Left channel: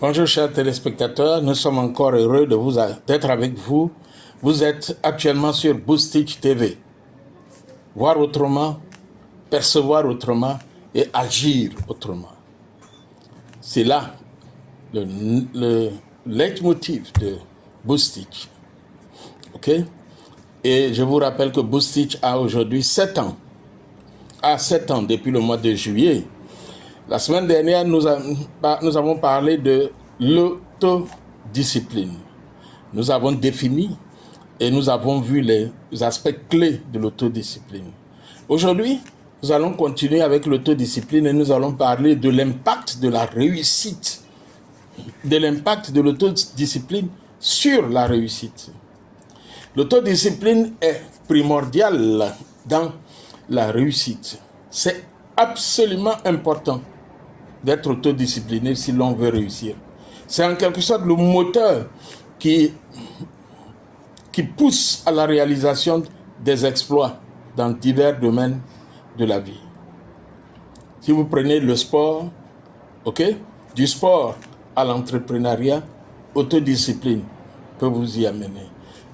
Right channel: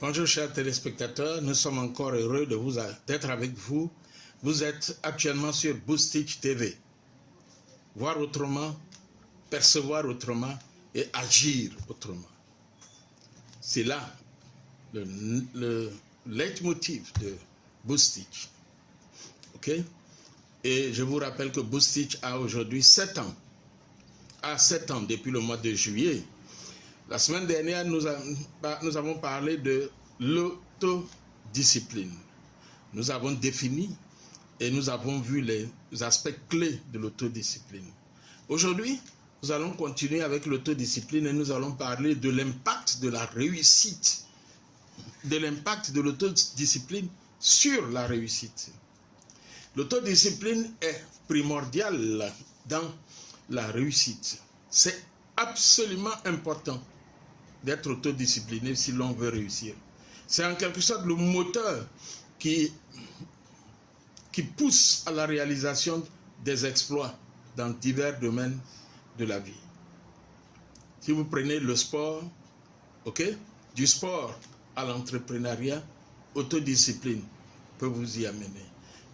Bonjour chers téléspectateurs, nous sommes encore heureux d'être avec vous. Vous êtes actuellement sur Boostich TV. Voir autrement, percevoir autrement et agir autrement. C'est là le leitmotiv de Boostich. Ok? Et je vous rappelle que Boostich a aujourd'hui 7 ans. A 7 ans depuis le mois de juillet. La semaine dernière, nous avons parlé de l'autodiscipline. Nous avons défini et nous avons vu les aspects clés de l'autodiscipline. Aujourd'hui, nous allons continuer avec l'autodiscipline et nous allons parler de l'impact de la réussite, de l'impact de l'autodiscipline sur la réussite. L'autodiscipline est primordiale dans la réussite. C'est absolument important d'être autodiscipliné si l'on veut réussir. C'est en quelque sorte le moteur qui pousse à la réalisation des exploits dans divers domaines de la vie. Si vous prenez le sport, du sport à l'entrepreneuriat, autodiscipline peut vous y amener.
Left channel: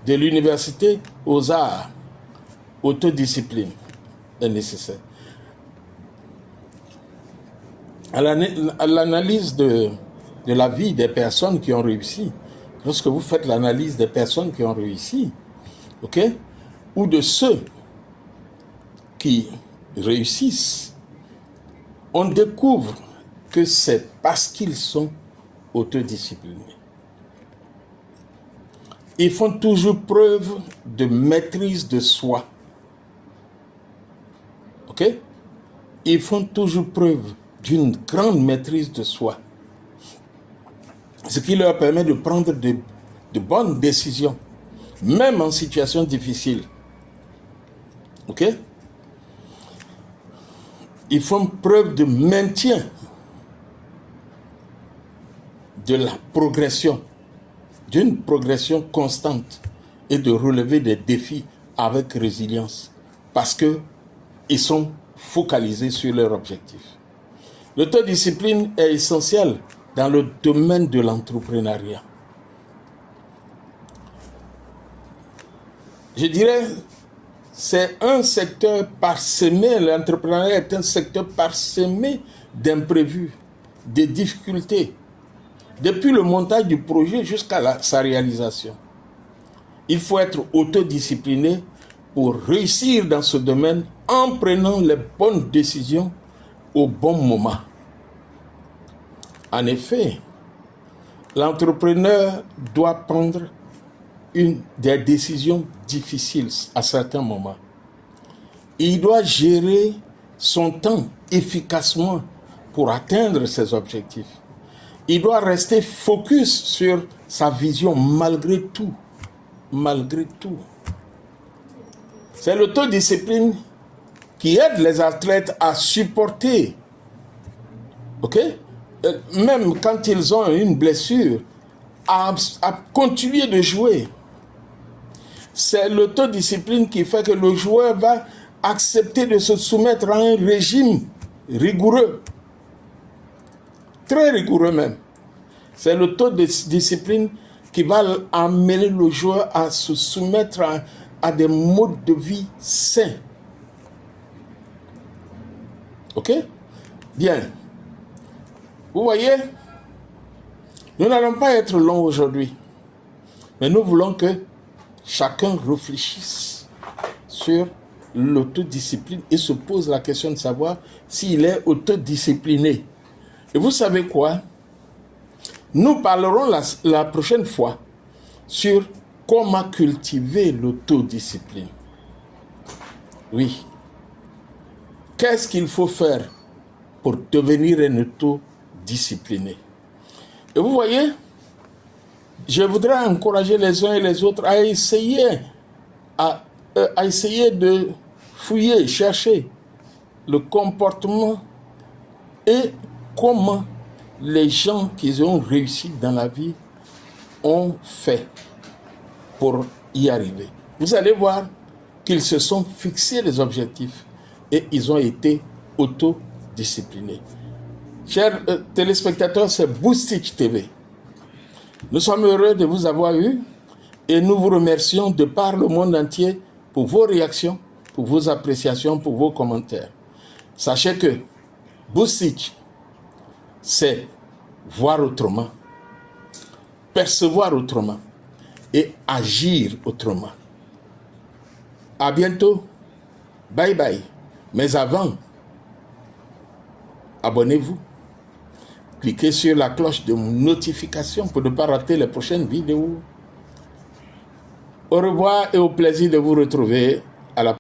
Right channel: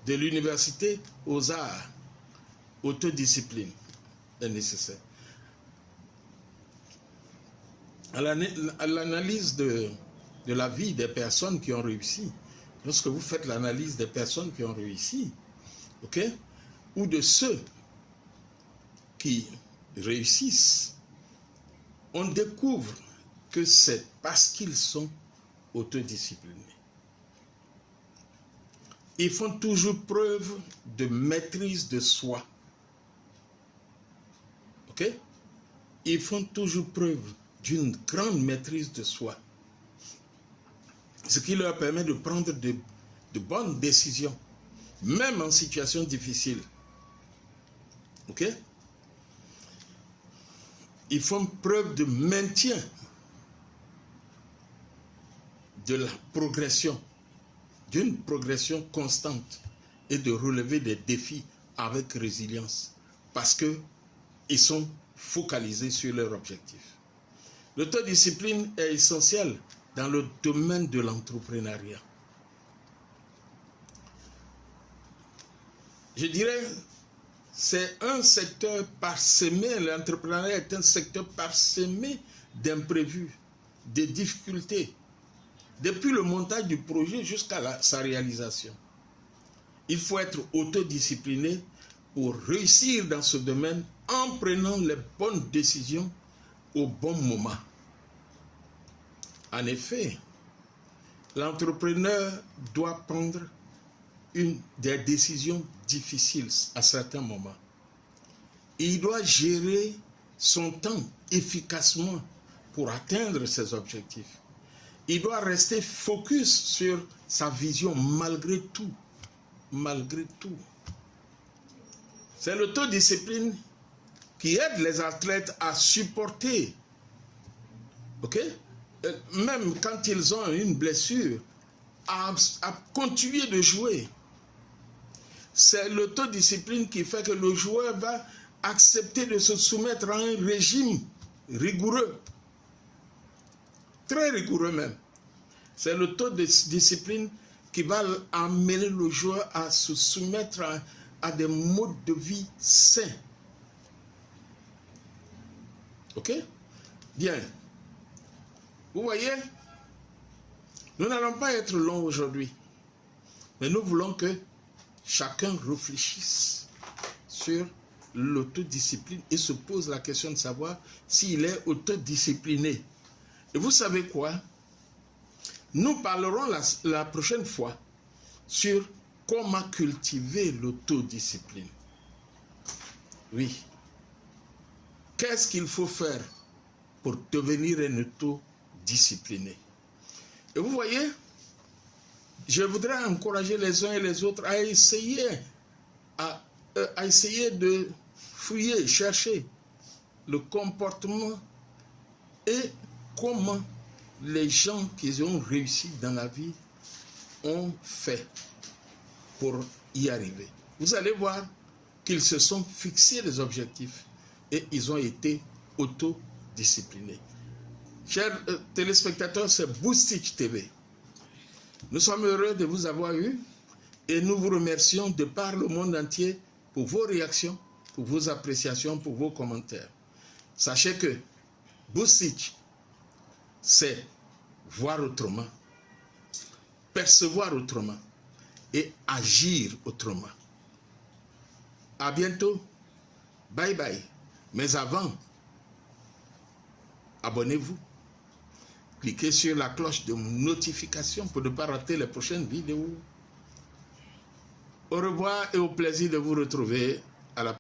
De l'université aux arts, autodiscipline est nécessaire. À l'analyse de la vie des personnes qui ont réussi, lorsque vous faites l'analyse des personnes qui ont réussi, ou de ceux qui réussissent, on découvre que c'est parce qu'ils sont autodisciplinés. Ils font toujours preuve de maîtrise de soi. Ils font toujours preuve d'une grande maîtrise de soi. Ce qui leur permet de prendre de bonnes décisions, même en situation difficile. Ils font preuve de maintien de la progression, d'une progression constante et de relever des défis avec résilience parce qu'ils sont focalisés sur leur objectif. L'autodiscipline est essentielle dans le domaine de l'entrepreneuriat. Je dirais, c'est un secteur parsemé, l'entrepreneuriat est un secteur parsemé d'imprévus, de difficultés, depuis le montage du projet jusqu'à sa réalisation. Il faut être autodiscipliné pour réussir dans ce domaine en prenant les bonnes décisions au bon moment. En effet, l'entrepreneur doit prendre des décisions difficiles à certains moments. Il doit gérer son temps efficacement pour atteindre ses objectifs. Il doit rester focus sur sa vision malgré tout. Malgré tout. C'est l'autodiscipline qui aide les athlètes à supporter, même quand ils ont une blessure, à continuer de jouer. C'est l'autodiscipline qui fait que le joueur va accepter de se soumettre à un régime rigoureux, très rigoureux même. C'est l'autodiscipline qui va amener le joueur à se soumettre à des modes de vie sains. Bien. Vous voyez, nous n'allons pas être longs aujourd'hui, mais nous voulons que chacun réfléchisse sur l'autodiscipline et se pose la question de savoir s'il est autodiscipliné. Et vous savez quoi? Nous parlerons la prochaine fois sur comment cultiver l'autodiscipline. Oui. Qu'est-ce qu'il faut faire pour devenir un autodiscipliné? Et vous voyez, je voudrais encourager les uns et les autres à essayer de fouiller, chercher le comportement et comment les gens qui ont réussi dans la vie ont fait pour y arriver. Vous allez voir qu'ils se sont fixés des objectifs et ils ont été autodisciplinés. Chers téléspectateurs, c'est Boostich TV. Nous sommes heureux de vous avoir eu et nous vous remercions de par le monde entier pour vos réactions, pour vos appréciations, pour vos commentaires. Sachez que Boussitch, c'est voir autrement, percevoir autrement et agir autrement. À bientôt. Bye bye. Mais avant, abonnez-vous. Cliquez sur la cloche de notification pour ne pas rater les prochaines vidéos. Au revoir et au plaisir de vous retrouver